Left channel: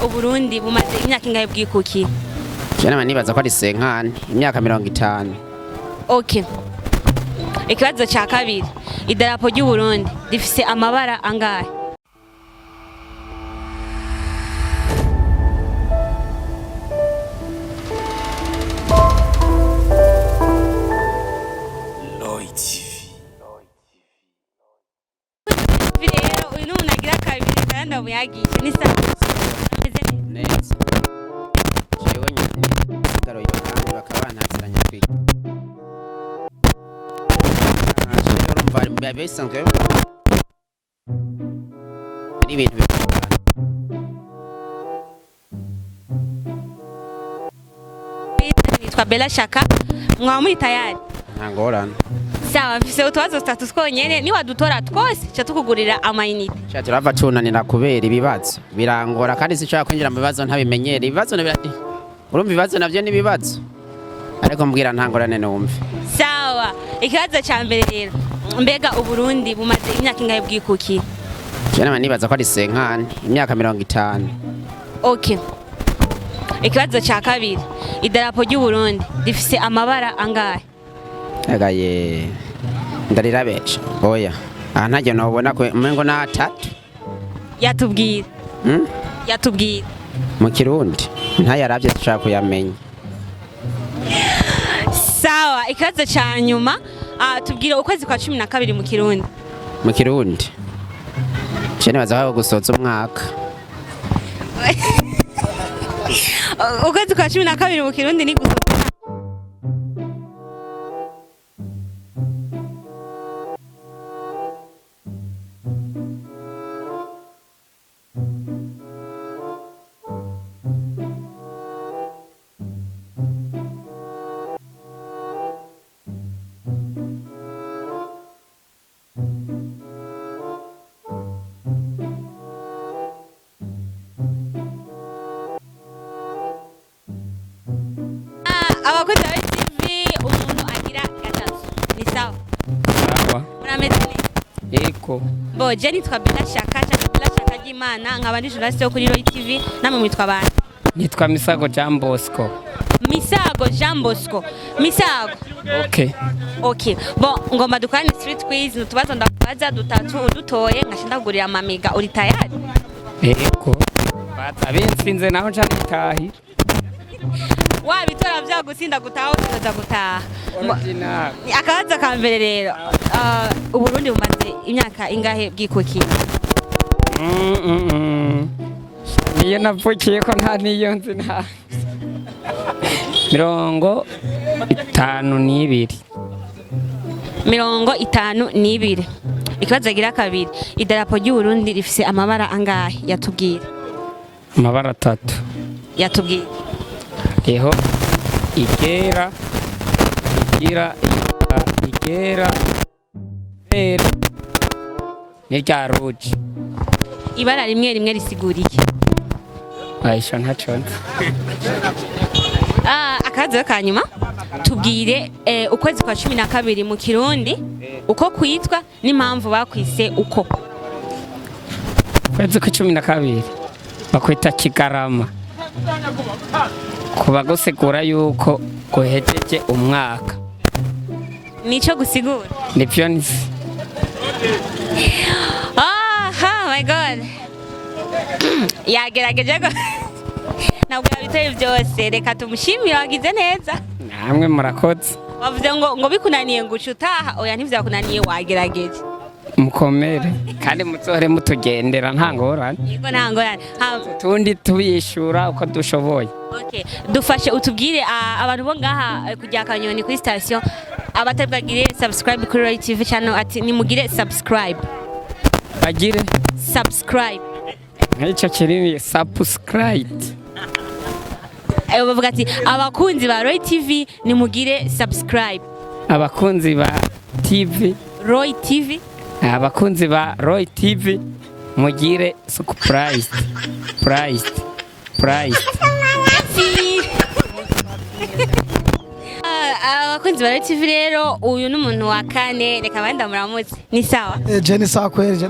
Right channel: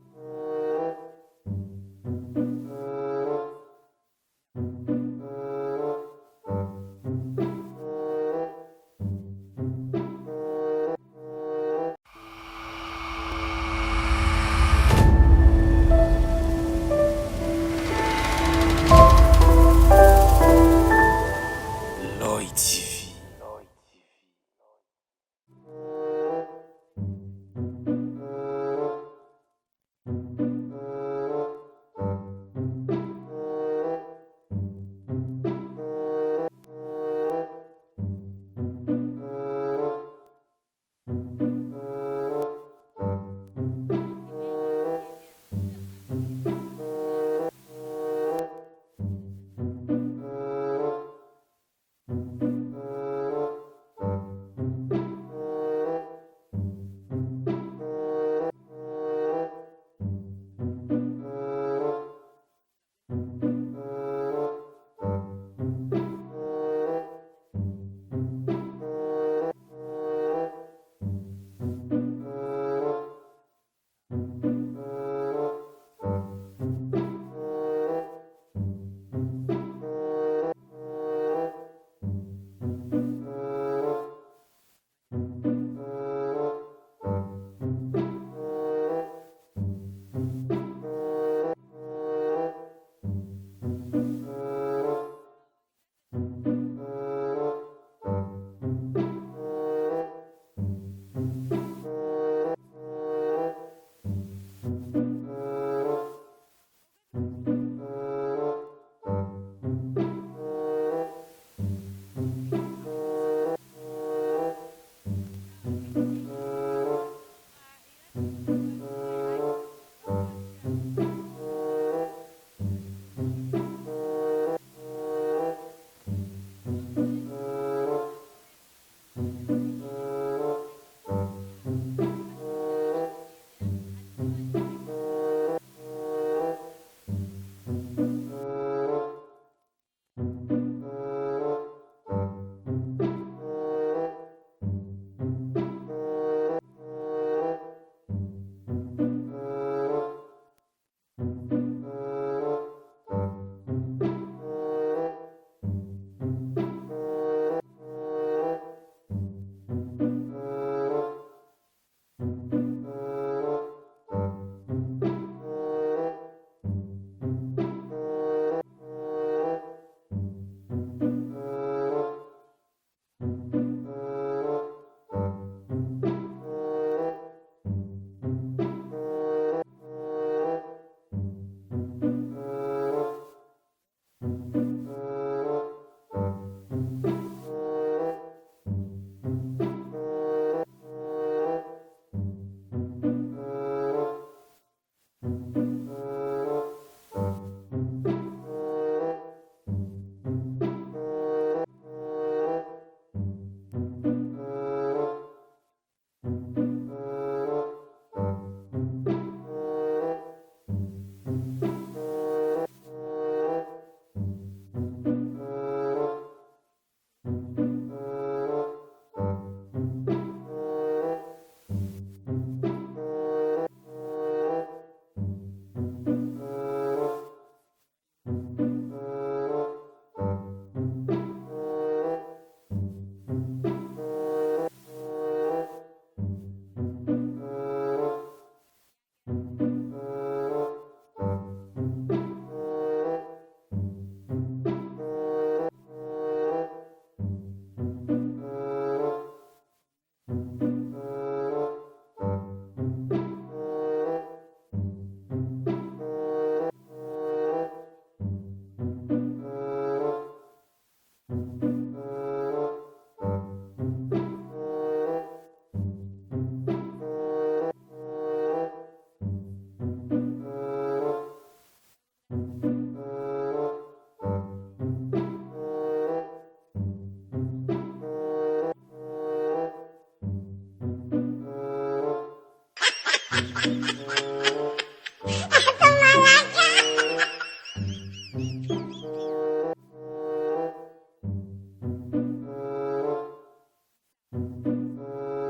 Uburundi bumaze imyaka ingahe bwikuki? Jana nibaza ko ari senkani imyaka 50. Okay. Ikibazo cya kabiri. Idarapo ry'u Burundi rifise amabara angahe? Video uyu nagira kabiri kandi amuyagisha ni sawa. Neza. Jewe nyine garo y'abantu bakabanaziranya kwiga. Ashobora mvari mbabe sanzwe. Ari ibintu bikora. Nitwa Bella Shaka. Mwamuri tayari? Ntangorana. Sawa, mfise utwazo tutatu twonyene ni wadutora twose cha tukugurira amayinite. Cha turava tunanira kubera ibibazo. Birangora kandi sinshaka kwinjira mu bibazo ntabimenyere. Ibibazo nabirati. Urumva ibibazo navyo nibibazo. Ariko mbwira ntangorane numve. Sawa, ikibazo cya mbere rero. Mbega Uburundi bumaze imyaka ingahe bwikuki? Jana nibaza ko ari senkani imyaka 50. Okay. Ikibazo cya kabiri. Idarapo ry'u Burundi rifise amabara angahe? Agaye ndarira beca oya ntajye nobona ko umengo na 3 Yatubwira. Yatubwira. Mu Kirundi ntayaravye dushaka kuyamenya. Sawa, ikibazo cya nyuma tubwire ukwezi kwa 12 mu Kirundi. Mu Kirundi cyane bazaho gusoza umwaka. Ukwezi kwa 12 mu Kirundi ni gusoza. Abakozi ba TV umuntu agira gatatu. Ni sawa? Sawa. Murameze neza? Eko. Bo, je nitwa Bella Shaka, Bella Shaka y'Imana, nkaba ndi journaliste yo kuri Roy TV, namwe mwitwa bande? Nitwa Misago Jean Bosco. Misago Jean Bosco. Misago. Okay. Okay. Bo, ngomba dukane street quiz, nutubazo ndakubaza dutatu udutoye ngashinda kugurira amamiga. Uri tayari? Eko. Abensinze naho nshaka gutahira. Wabitora byagusinda gutaha ukaza gutaha. Original. Akabaza ka mbere rero. Uburundi bumaze imyaka ingahe bwikuki? Iyo navukiye ko nta niyo nzi nta 52. 52. Ikibazo agira kabiri. Idarapo ry'u Burundi rifise amabara angahe? Yatubwira. Amabara 3. Yatubwira. Eho igera n'irya rouge. Ibara rimwe rimwe risiguriye. Aisha ntacyo. Akabazo ka nyuma tubwire ukwezi kwa 12 mu Kirundi uko kwitwa n'impamvu bakwise uko. Ukwezi kwa 12 bakwita Kigarama. Kuba gusigura yuko guhejeje umwaka. Nico gusigura. Nivyo nzi. Oh my god. Yagerageje ko nabwo yabitoye byose, reka tumushimire wagize neza. Namwe murakoze. Bavuze ngo bikunaniye ngo utaha, oya ntivyakunaniye wagerageje. Mukomere kandi muzohore mutugendera ntangorane. Yego ntangorane. Tundi tubishura uko dushoboye. Okay, dufashe utubwire abantu bo ngaha kujya Kanyoni kuri station abatabwagire subscribe kuri Roy TV channel ati nimugire subscribe. Bagire subscribe. Nk'icyo kirimi subscribe. Bavuga ati abakunzi ba Roy TV nimugire subscribe. Abakunzi ba TV Roy TV. Abakunzi ba Roy TV mugire subscribe. Price. Abakunzi ba Roy TV rero uyu n'umuntu wa kane reka banda muramutse. Ni sawa? Je ni sawa kweli je.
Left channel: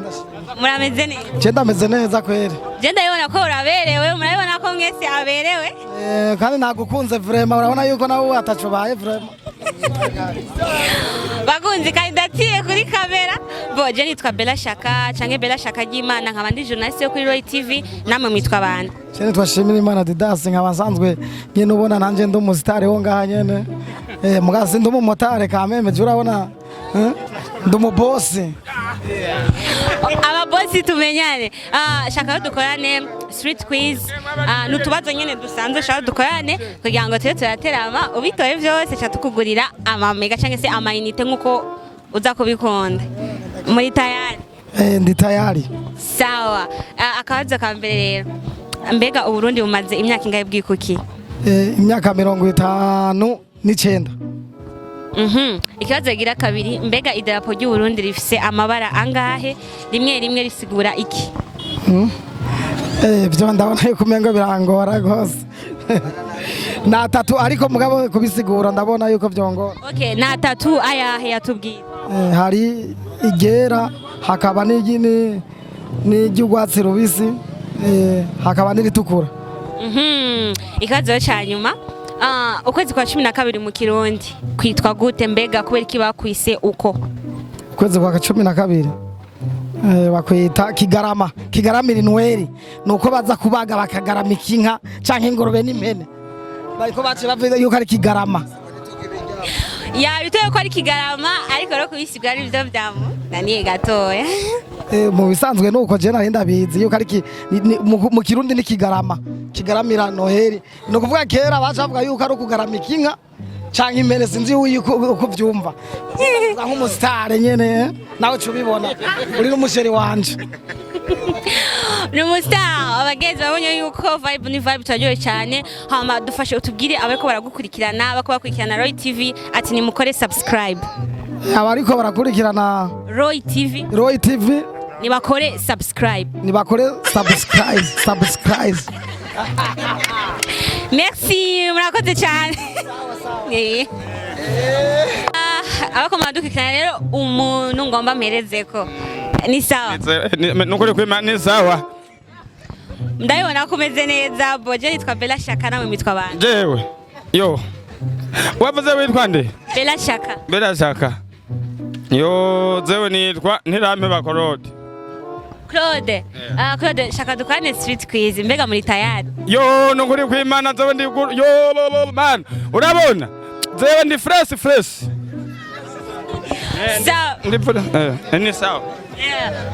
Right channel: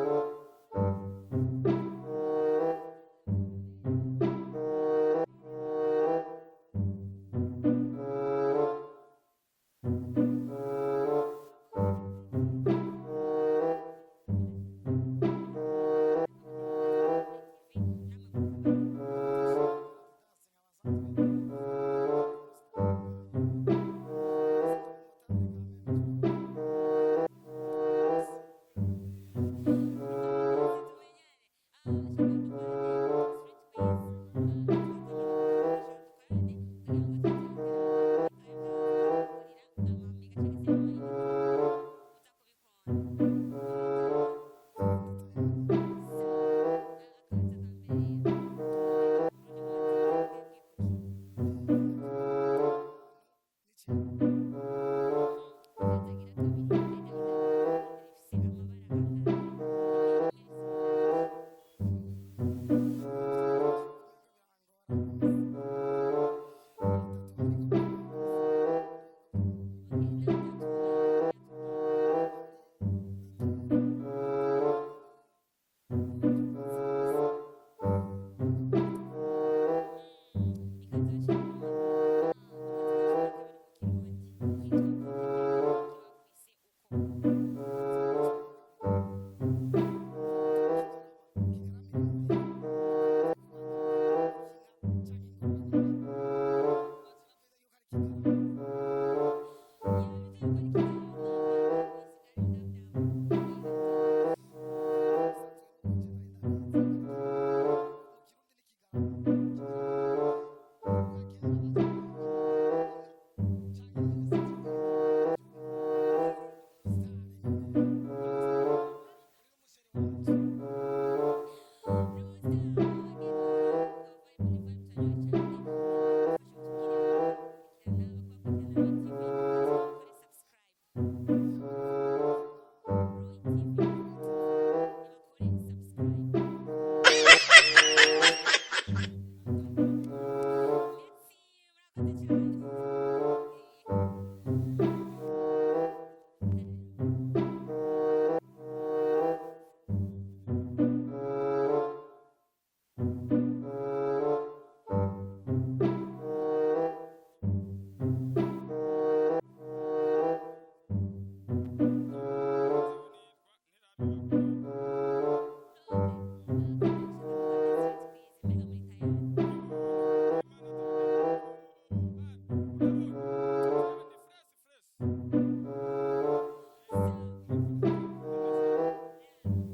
murameze neza? Jenda meze neza kweli. Je ndabona ko uraberewe, murabona ko mwese aberewe. Kandi nagukunze vraiment, urabona yuko nawe atacubaye vraiment. Bakunzi kandidatire kuri kamera. Bo je nitwa Bella Shaka, canke Bella Shaka y'Imana, nkaba ndi journaliste yo kuri Roy TV, namwe mwitwa bande? Cyane twashimira Imana Didas nkaba nsanzwe nyene ubona nanje ndi umusitari wo ngaha nyene. Mugasi ndi umumotari kameme je urabona. Ndi umubosi. Ababosi tumenyane. Shaka dukorane street quiz. Nutubazo nyene dusanzwe shaka dukorane kugira ngo tube turaterama ubitoye byose cha tukugurira amamega canke se amayinite nkuko uza kubikunda. Muri tayari? Ndi tayari. Sawa. Akabazo ka mbere rero. Mbega Uburundi bumaze imyaka ingahe bwikuki? Imyaka 59. Ikibazo gira kabiri, mbega idarapo ry'u Burundi rifise amabara angahe? Rimwe rimwe risigura iki? Byo ndabona yuko umengo birangora gose. Na tatu ariko mugabo kubisigura ndabona yuko byongora. Okay, na tatu ayahe yatubwiye? Hari igera, hakaba n'igwatsi rubisi, hakaba n'iritukura. Ikibazo ca nyuma. Ukwezi kwa 12 mu Kirundi kwitwa gute, mbega kubera iki bakwise uko? Ukwezi kwa 12 bakwita kigarama. Kigaramira Noel nuko baza kubaga bakagaramika inka canke ingorobe n'impene. Bariko bace bavuga yuko ari kigarama. Ya bitoye ko ari kigarama, ariko ro kubisigura ari byo byamu naniye gatoya. Mu bisanzwe nuko je nari ndabizi yuko ari mu Kirundi ni kigarama. Kigaramira Noel no kuvuga kera bacavuga yuko ari kugaramika inka canke impene, sinzi uko byumva. Nk'umusitari nyene nawe cubibona uri n'umusheri wanje. Numustar abagenzi babonye yuko vibe ni vibe turaryoye cyane. Hama dufashe utubwire abariko baragukurikirana, bako bakurikirana Roy TV ati ni mukore subscribe. Abariko barakurikirana Roy TV ni bakore subscribe. Subscribe. Merci, murakoze cyane. Abako madukikana rero umuntu ngomba mperezeko. Ni sawa? Nukuri kw'Imana ni sawa. Ndabibona ko umeze neza. Boje nitwa Bella Shaka, nawe mitwa bande? Jewe. Yo. Wavuze witwa nde? Bella Shaka. Yo, zewe nitwa Ntirame Bakorode. Claude. Claude, Shaka dukane street quiz. Mbega muri tayari? Yo, nukuri kw'Imana zewe ndi yo man. Urabona? Zewe ndi fresh. Ni sawa.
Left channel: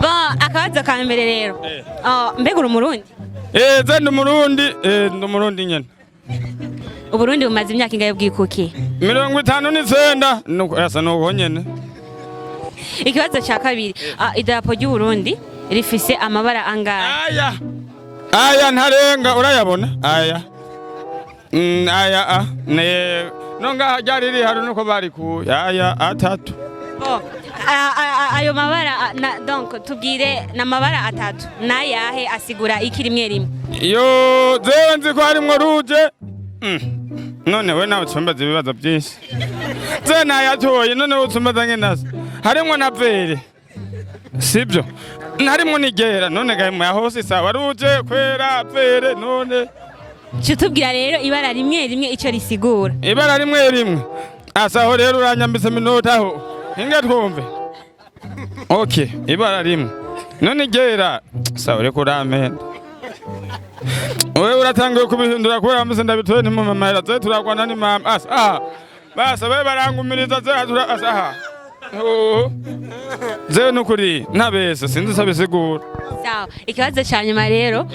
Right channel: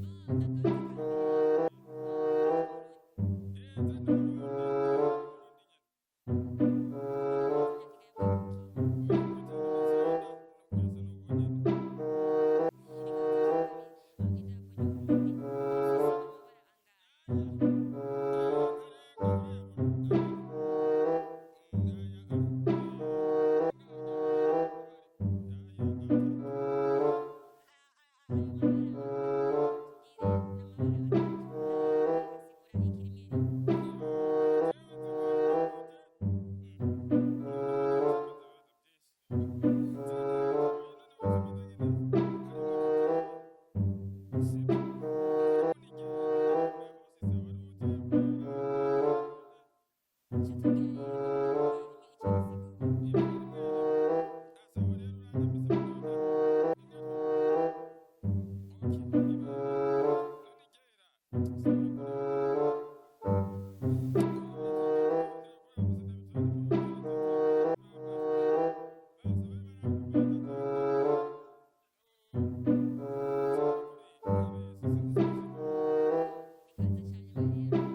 Bon, akabazo ka mbere rero. Mbega uri Umurundi? Ze ndi Umurundi nyene. Uburundi bumaze imyaka ingahe bwikuki? 59. Nuko yasa nuko nyene. Ikibazo cya kabiri, idarapo ry'u Burundi rifise amabara angahe? Aya ntarenga urayabona? Aya ne nonga hajari ri haruno ko bari ku aya atatu. Ayo mabara donc tubwire na mabara atatu nayahe asigura iki rimwe rimwe? Yo zewe nzi ko harimwo ruje. None we nawe utsumbaza ibibazo byinshi. Ze nayatoye none utsumbaza ngenasa. Harimwo na vere. Sibyo. Harimwo nigera none gahe mu hose sawa ruje kwera vere none. Chutubwira rero ibara rimwe rimwe ico risigura. Ibara rimwe. Asaho rero uranyambise minota aho. Inga twumve. Okay, ibara rimwe. None gera sawa reko ramenda. Wewe uratangiye kubihindura kubera ameze ndabitoye ni mama mahera ze turagwana ni mama. Basa we barangumiriza ze atura asaha. Ze nukuri ntabese sinzi sabisigura. Sawa, ikibazo cya nyuma rero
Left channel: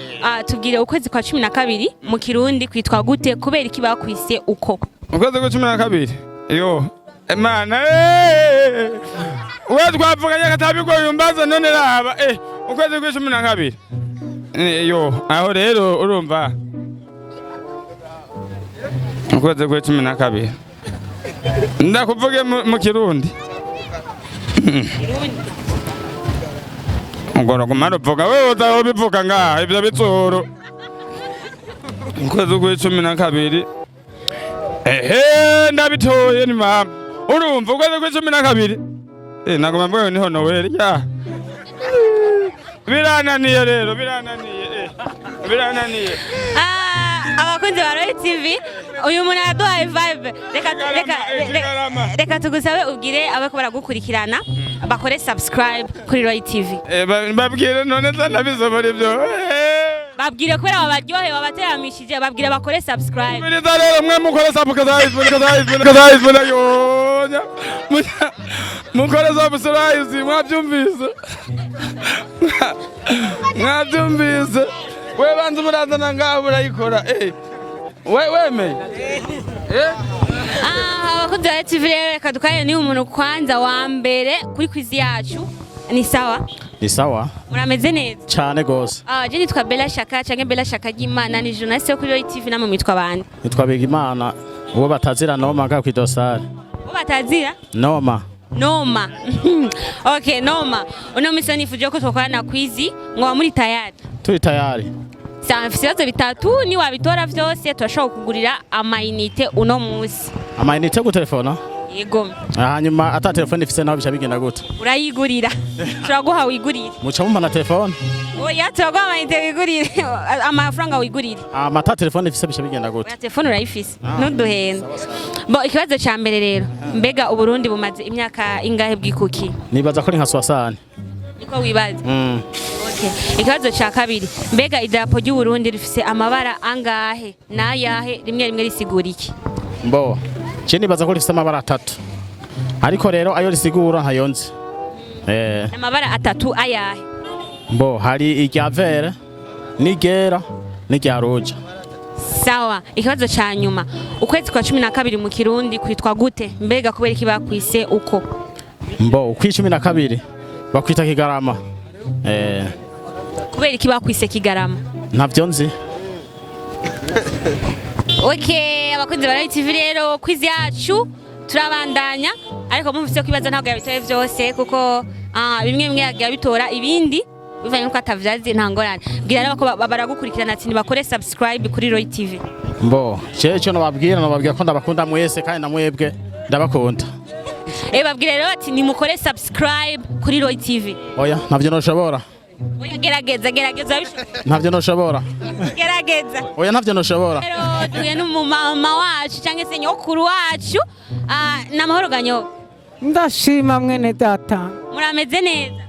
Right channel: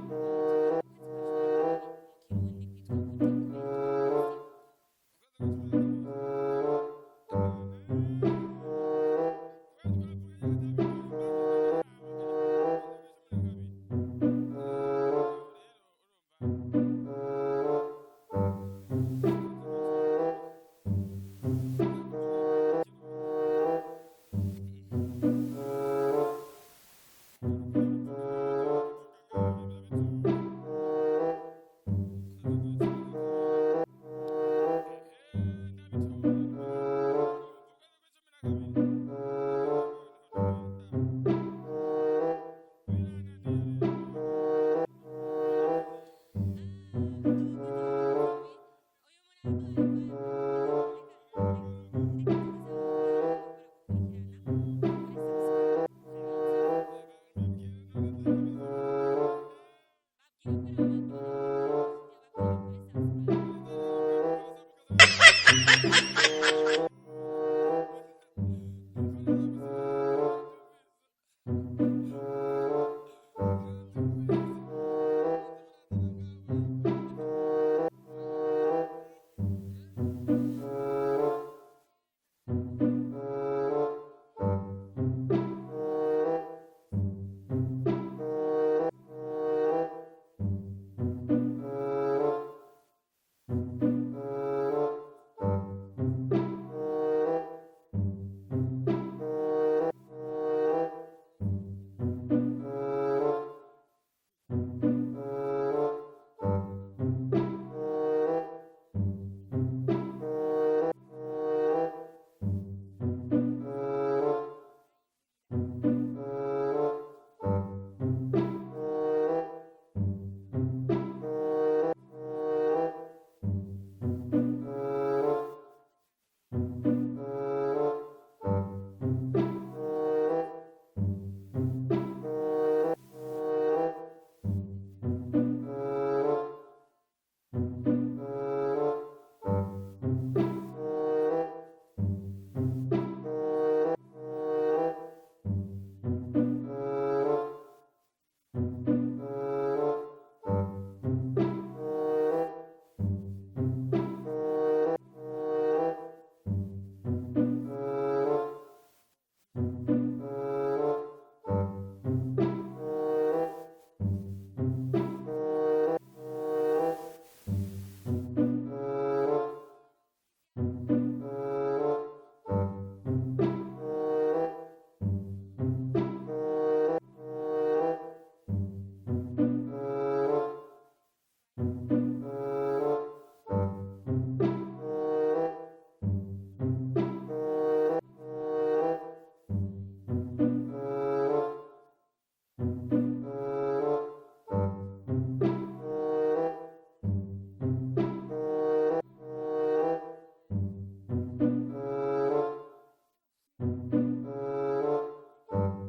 tubwire ukwezi kwa 12 mu Kirundi kwitwa gute kubera iki bakwise uko? Ukwezi kwa 12. Yo. Mana wewe twavuganye katabiko yumbaza none raba ukwezi kwa 12. Yo, aho rero urumva. Ukwezi kwa 12. Ndakuvuge mu Kirundi. Ngoro kumaro vuga wewe utaho bivuga ngaha ibyo bitsoro. Ukwezi kwa 12. Ndabitoye ni mama. Urumva ukwezi kwa 12. Nagoma mbwe niho Noel ya. birananiye rero birananiye abakunzi ba Royal TV uyu muntu araduhaye vibe reka tugusabe ubwire abako baragukurikirana bakore subscribe kuri Royal TV babwire none zanabizobora ibyo babwire kubera babaryohe babateramishije babwire bakore subscribe biriza rero mwe mukore subscribe mukore subscribe mwabyumvise we banza murazana ngaho burayikora wemeye abakunzi ba TV rero reka dukorane ni umuntu kwanza wa mbere kuri quiz yacu ni sawa Ni sawa murameze neza cyane gose. Je nitwa Bella Shaka canke Bella Shaka y'Imana ni journaliste yo kuri Royal TV namwe mwitwa bande Nitwa Bigimana uwo batazira Noma nga kwidosari. Uwo batazira Noma Okay Noma uno misa nifuje ko twakorana quiz ngo muri tayari Turi tayari Sawa mfise bitatu ni wabitora vyose turashobora kugurira amayinite uno musi Amayinite ku telefona Yego hanyuma ata telefone ifise naho bica bigenda gute Urayigurira turaguha wigurire Muca mumpa na telefone Oya turaguha amayinite wigurire amafaranga wigurire Amata telefone ifise bica bigenda gute Oya telefone urayifise ntuduhenda Bo ikibazo ca mbere rero mbega uburundi bumaze imyaka ingahe bwikuki Nibaza ko ari nka 60 Niko wibaza Okay ikibazo ca kabiri mbega idarapo ry'u Burundi rifise amabara angahe nayahe rimwe risigura iki Mbo je nibaza ko rifise amabara 3 ariko rero ayo risigura ntayonze amabara 3 ayahe Mbo hari irya vere nigera n'irya roja Sawa ikibazo ca nyuma ukwezi kwa 12 mu Kirundi kwitwa gute mbega kubera iki bakwise uko Mbo ukwi 12 bakwita Kigarama kubera iki bakwise Kigarama ntavyo nzi Okay abakunzi ba Royal TV rero quiz yacu turabandanya ariko mufise kwibaza ntabwo yabitoye vyose kuko bimwe yagiye bitora ibindi bivanye nuko atavyazi ntangorane bwira nabo ko baragukurikirana ati bakore subscribe kuri Royal TV Mbo cyo nababwira ko ndabakunda mwese kandi namwebwe ndabakunda babwira rero ati nimukore subscribe kuri Royal TV Oya ntavyo noshobora Oya gerageza ntavyo noshobora gerageza Oya ntavyo noshobora rero tuye n'umumama wacu cyangwa se nyokuru wacu namahoro ganyo Ndashima mwene data. murameze neza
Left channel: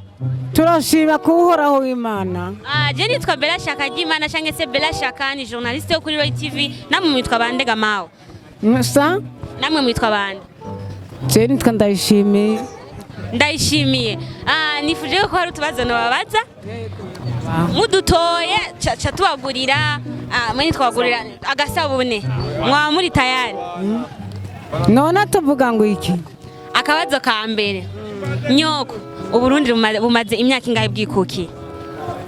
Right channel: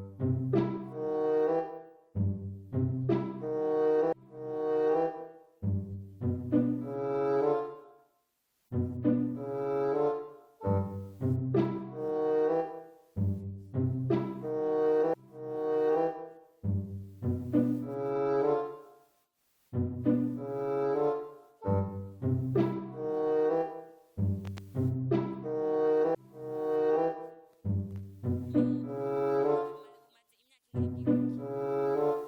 Turashima kuhoraho w'Imana. Je nitwa Bella Shaka y'Imana cyangwa se Bella Shaka ni journaliste yo kuri Royal TV namwe mwitwa bande gamawo Musa namwe mwitwa bande je nitwa ndayishimiye nifuje ko hari utubazo nababaza mudutoye cha tubagurira mwe twagurira agasabune mwa muri tayari None tuvuga ngo iki akabazo ka mbere nyoko uburundi bumaze imyaka ingahe bwikuki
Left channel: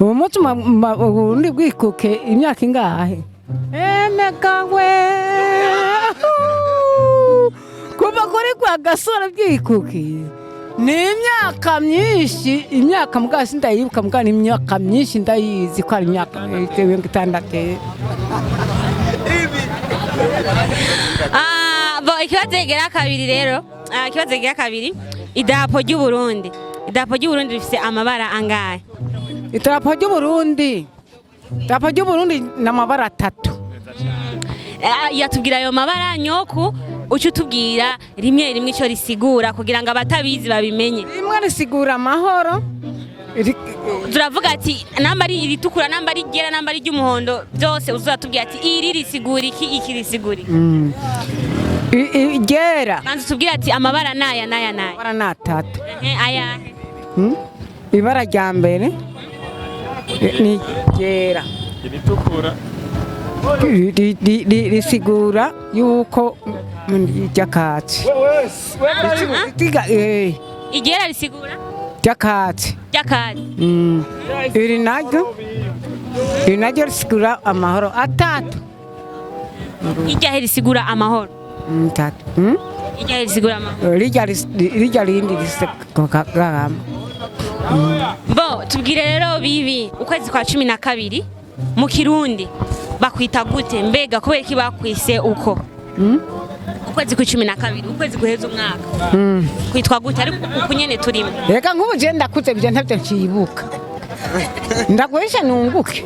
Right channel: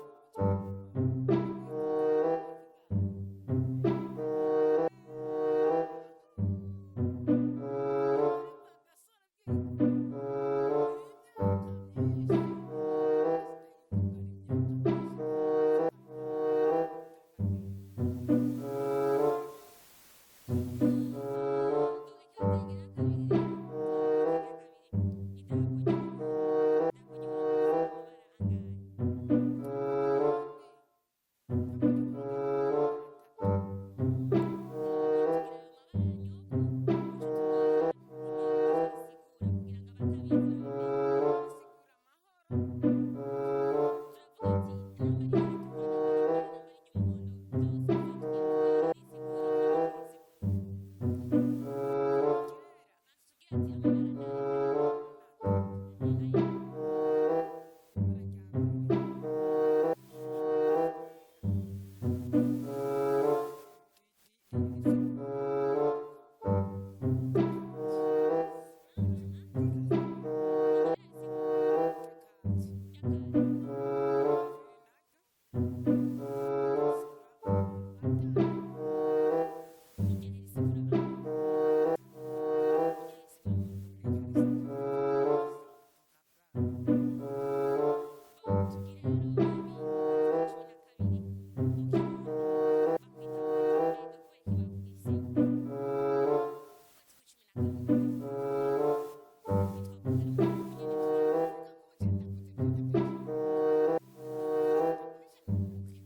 uburundi bwikuke imyaka ingahe emekawe kuva kuri kwa gasore bwikuki ni imyaka myinshi imyaka mugasi ndayibuka mugani imyaka myinshi ndayizi ko ari imyaka 6 bo ikibazo gera kabiri rero ikibazo gera kabiri idarapo ry'u Burundi rifise amabara angahe idarapo ry'u Burundi n'amabara 3 yatubwira ayo mabara nyoko ucu tubwira rimwe ico risigura kugira ngo abatabizi babimenye rimwe risigura amahoro turavuga ati namba ari iritukura namba ari ryera namba ari ry'umuhondo byose uzatubwira ati iri risigura iki risigura ryera manzi tubwira ati amabara naya amabara ni 3 ayahe ibara rya mbere ni ryera iritukura risigura yuko ryakatsi iryera risigura ryakatsi iri naryo risigura amahoro 3 iryahe risigura amahoro 3 iryahe risigura amahoro rijya rindi risigura bo tubwire rero bibi ukwezi kwa 12 mu Kirundi bakwita gute mbega kubera iki bakwise uko ukwezi kwa 12 ukwezi guheza umwaka kwitwa gute ariko uko nyene turimo reka nk'ubu je ndakuze bije ntavyo ncibuka ndagurisha nunguke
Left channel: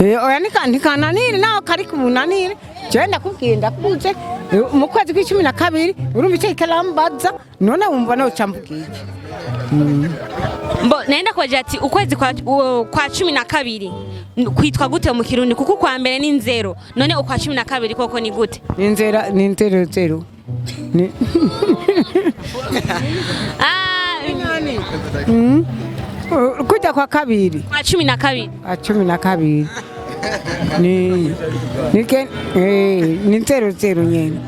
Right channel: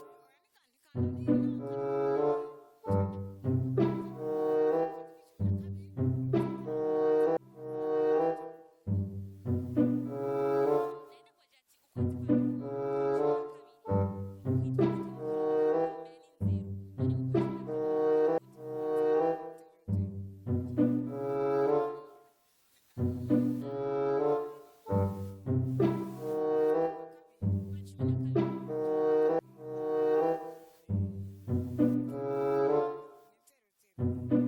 oya ntikananire naho kari kumunanire jewe ndakubwiye ndakuze mu kwezi kwa12 urumva icyo ikarambaza none wumva nawe cambubwiye Mbo naenda kwa jati ukwezi kwa 12 kwitwa gute mu Kirundi kuko kwa mbere ni 0 none ukwa 12 koko ni gute ni 0 ni kujya kwa kabiri kwa 12 12 ni 0 nyene.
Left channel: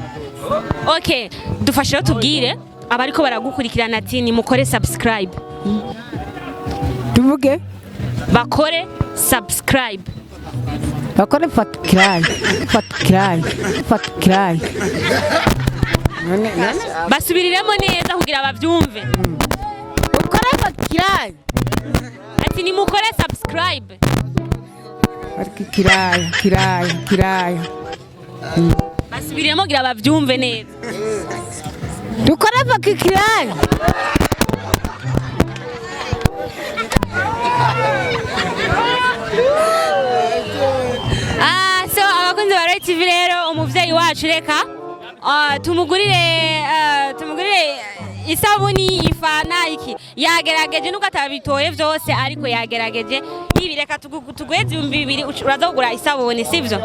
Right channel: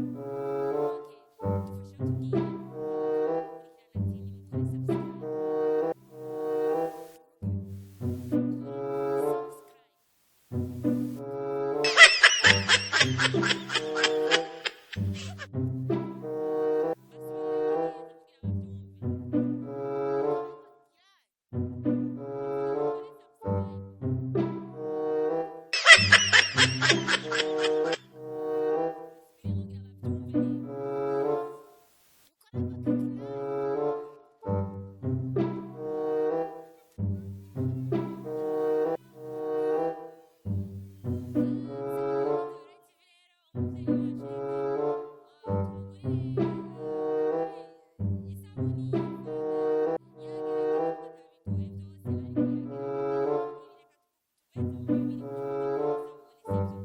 Okay dufashe tubwire abariko baragukurikirana ati ni mukore subscribe tuvuge bakore subscribe basubiriremo neza kugira bavyumve ukore subscribe ati ni mukore subscribe kiraya basubiremo kugira bavyumve neza dukore bakikiraya so abakunzi ba Royal TV rero umuvyeyi wacu reka tumugurire isabuni ifana iki yagerageje nuko atabitoye vyose ariko yagerageje ibi reka tugweze 200 uraza kugura isabuni sivyo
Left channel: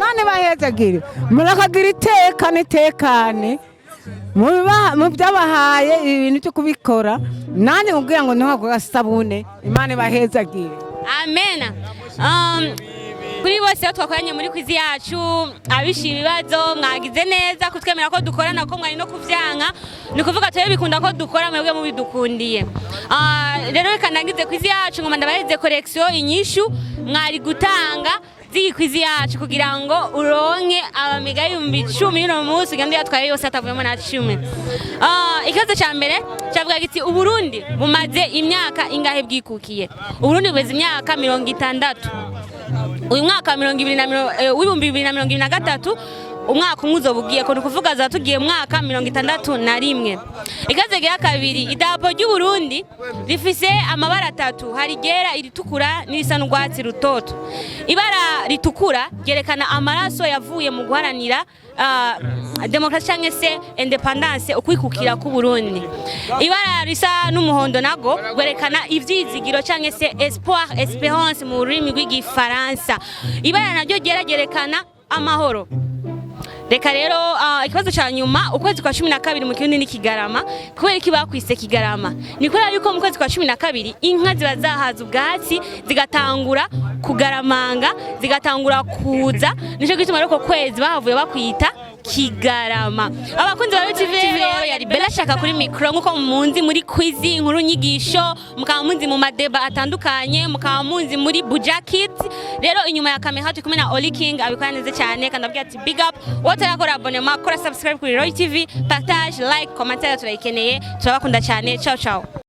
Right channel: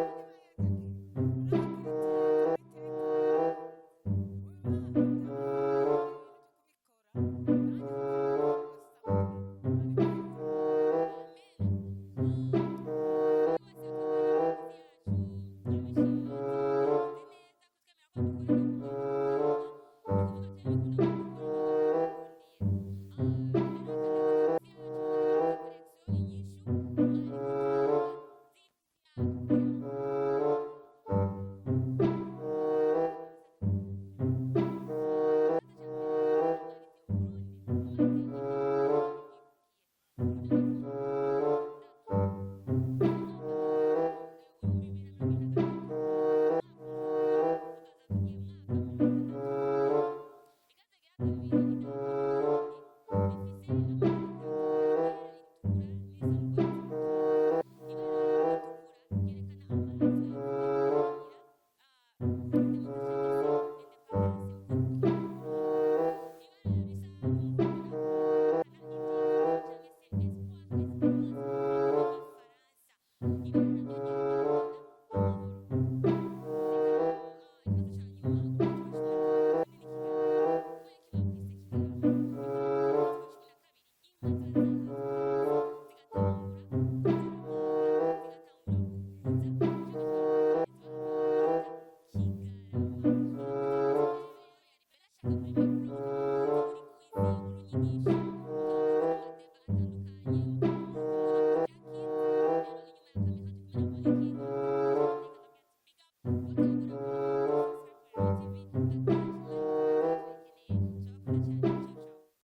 none bahezagire murakagira itekane mu byabahaye ibintu cyo kubikora nane mubwira ngo ntabwo gasabune imana bahezagire amen kuri bose twakoranye muri kwizi yacu abishi ibibazo mwagize neza kutwemera ko dukorana ko mwari no kuvyanka ni kuvuga twe bikunda ko dukora mwebwe mu bidukundiye rero reka nagize kwizi yacu ngo mandabaheze collection inyishu mwari gutanga kwizi yacu kugira ngo uronke abamiga 10,000 no munsi gandi yatwaye yose atavuyemo na 10 ikibazo ca mbere cyavuga giti uburundi bumaze imyaka ingahe bwikukiye uburundi bweze imyaka 60 uyu mwaka 2023 umwaka umwe uzobugiye ko nukuvuga za tugiye mwaka 61 ikaze gira kabiri idapo ry'u Burundi rifise amabara 3 hari gera iritukura n'irisa n'urwatsi rutoto ibara ritukura gerekana amaraso yavuye mu guharanira demokrasi cyangwa se independence ukwikukira ku Burundi ibara risa n'umuhondo nago gwerekana ivyizigiro cyangwa se espoir espérance mu rurimi rw'igifaransa ibara naryo gerekana amahoro reka rero ikibazo cya nyuma ukwezi kwa 12 mu Kirundi ni Kigarama kubera iki bakwise Kigarama ni kubera yuko mu kwezi kwa 12 inka ziba zahaza ubwatsi zigatangura kugaramanga zigatangura kuza nico gituma rero ko kwezi bahavuye bakwita Kigarama abakunzi ba TV rero yari Bella shaka kuri micro nkuko munzi muri quiz inkuru nyigisho mukaba munzi mu madeba atandukanye mukaba munzi muri bujakit rero inyuma ya kamera hatu kumena Oli King abikora neza cyane kandi abwira ati big up wotarakora abonnement kora subscribe kuri Royal TV partage like commentaire turayikeneye turabakunda cyane ciao ciao